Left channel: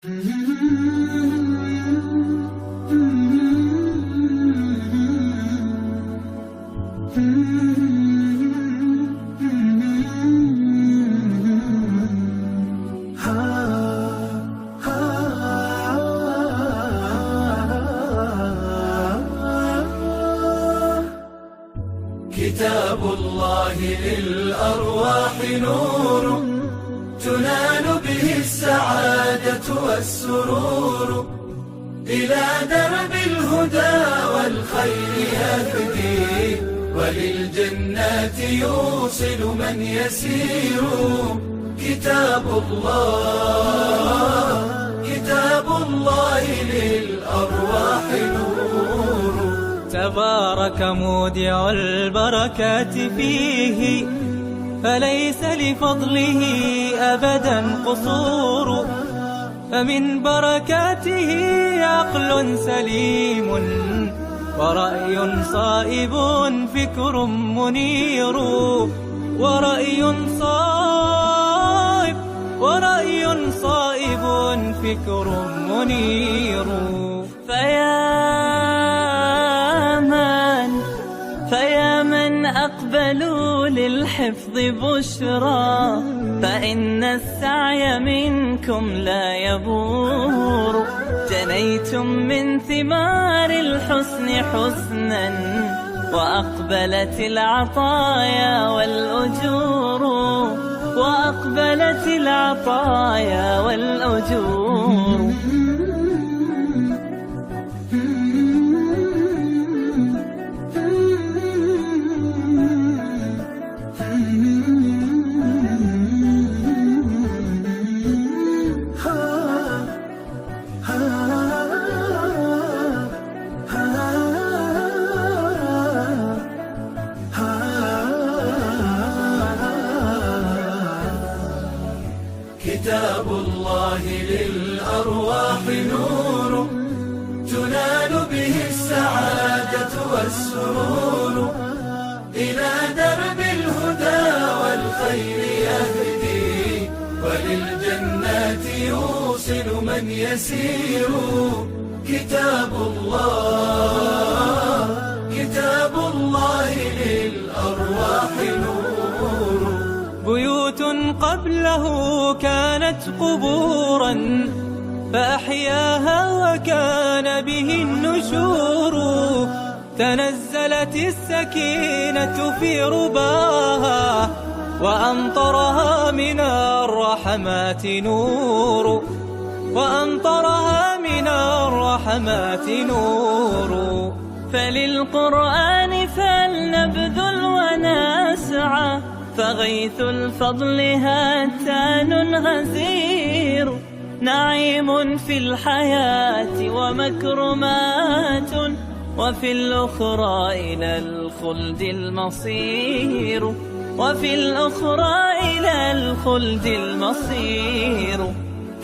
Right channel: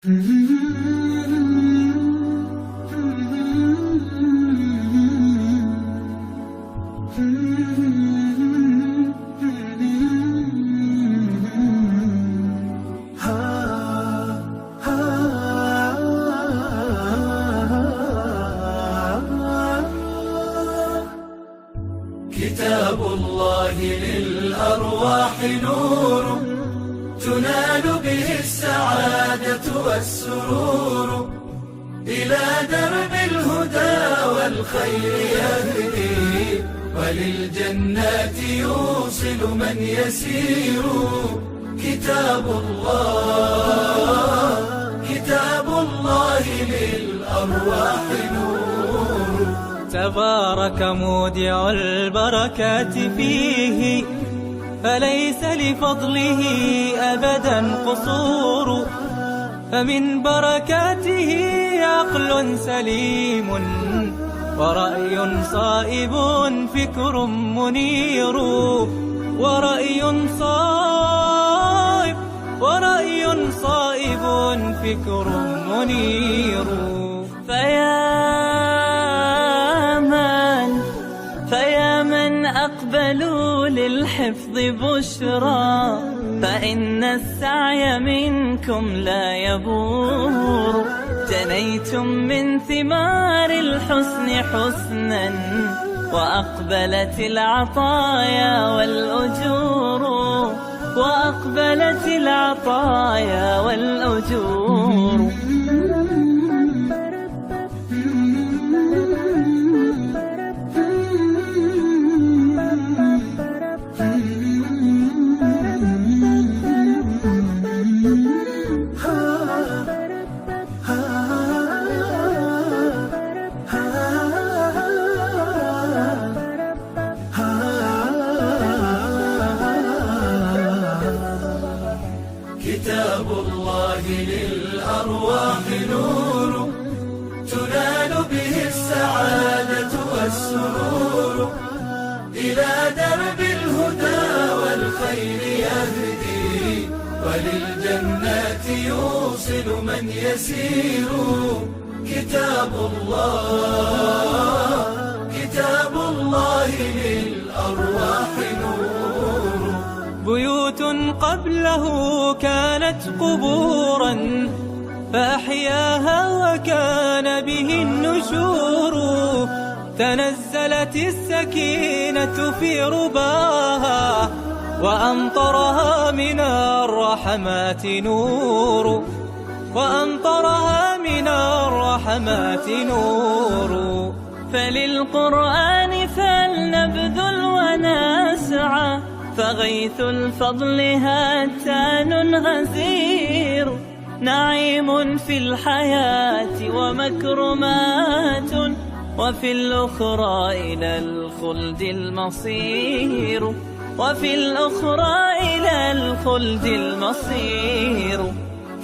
كتاب الله للأرواح نور تنال به السعادة والسرور، إلى درب الهدى والخير يهدي، وللجنات يوصل من يسير. كتاب الله للأرواح نور. تبارك مودع البركات فيه، فليس لفضله أبدا قصور. فمن بركاته عقل سليم، ورأي صائب فكر منير. ورأي صائب فكر منير. فيا من أقبلوا للحفظ بشرى، فإن السعي منكم لا يبور. جنيتم من ثمار الحسن حسنا، وأقبلت العطايا والأجور. كتاب الله للأرواح نور تنال به السعادة والسرور، إلى درب الهدى والخير يهدي، وللجنات يوصل من يسير. كتاب الله للأرواح نور. بيوت قبله كانت قبورا، فأحياها وكان به النشور. تنزلت السكينة في رباها، وأمطرها من الرحمات نور. فللقرآن فلنبذل ونسعى، فغيث الفضل هاتان غزير. نعيم في الحياة ومكرمات، وفي الأخرى إلى الخلد المصير.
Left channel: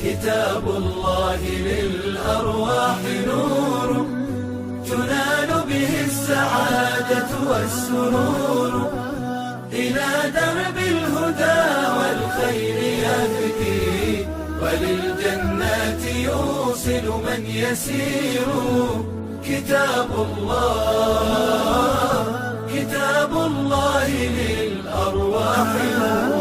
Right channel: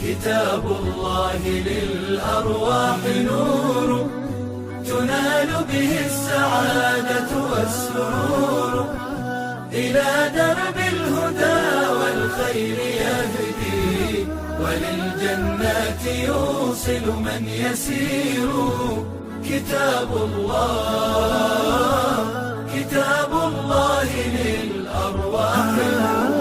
كتاب الله للأرواح نور تنال به السعادة والسرور، إلى درب الهدى والخير يهدي، وللجنات يوصل من يسير. كتاب الله للأرواح نور.